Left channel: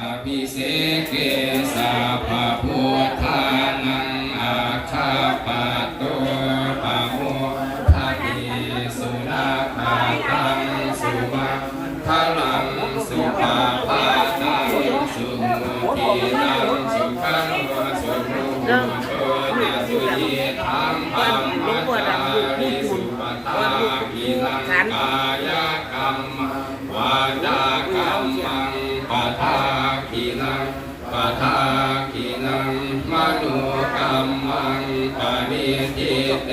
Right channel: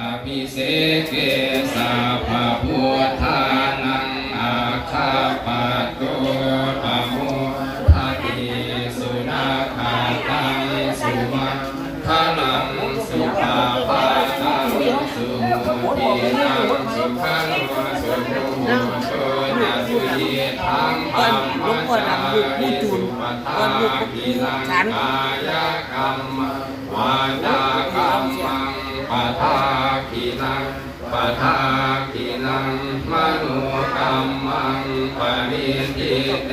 อภิเสเกสัพพพุทธานังอาชาปัตโตปะโมทะติสุราคาตังสุมังคลังสุปาปาตังสุติยังสุขังวะสุโมโชนะสุยิทังธรรมจาริสุปทาภิลังกายกรรมวาจากรรมังปะทาภิลังปะทาภิลังมโนกรรมังปริทิเต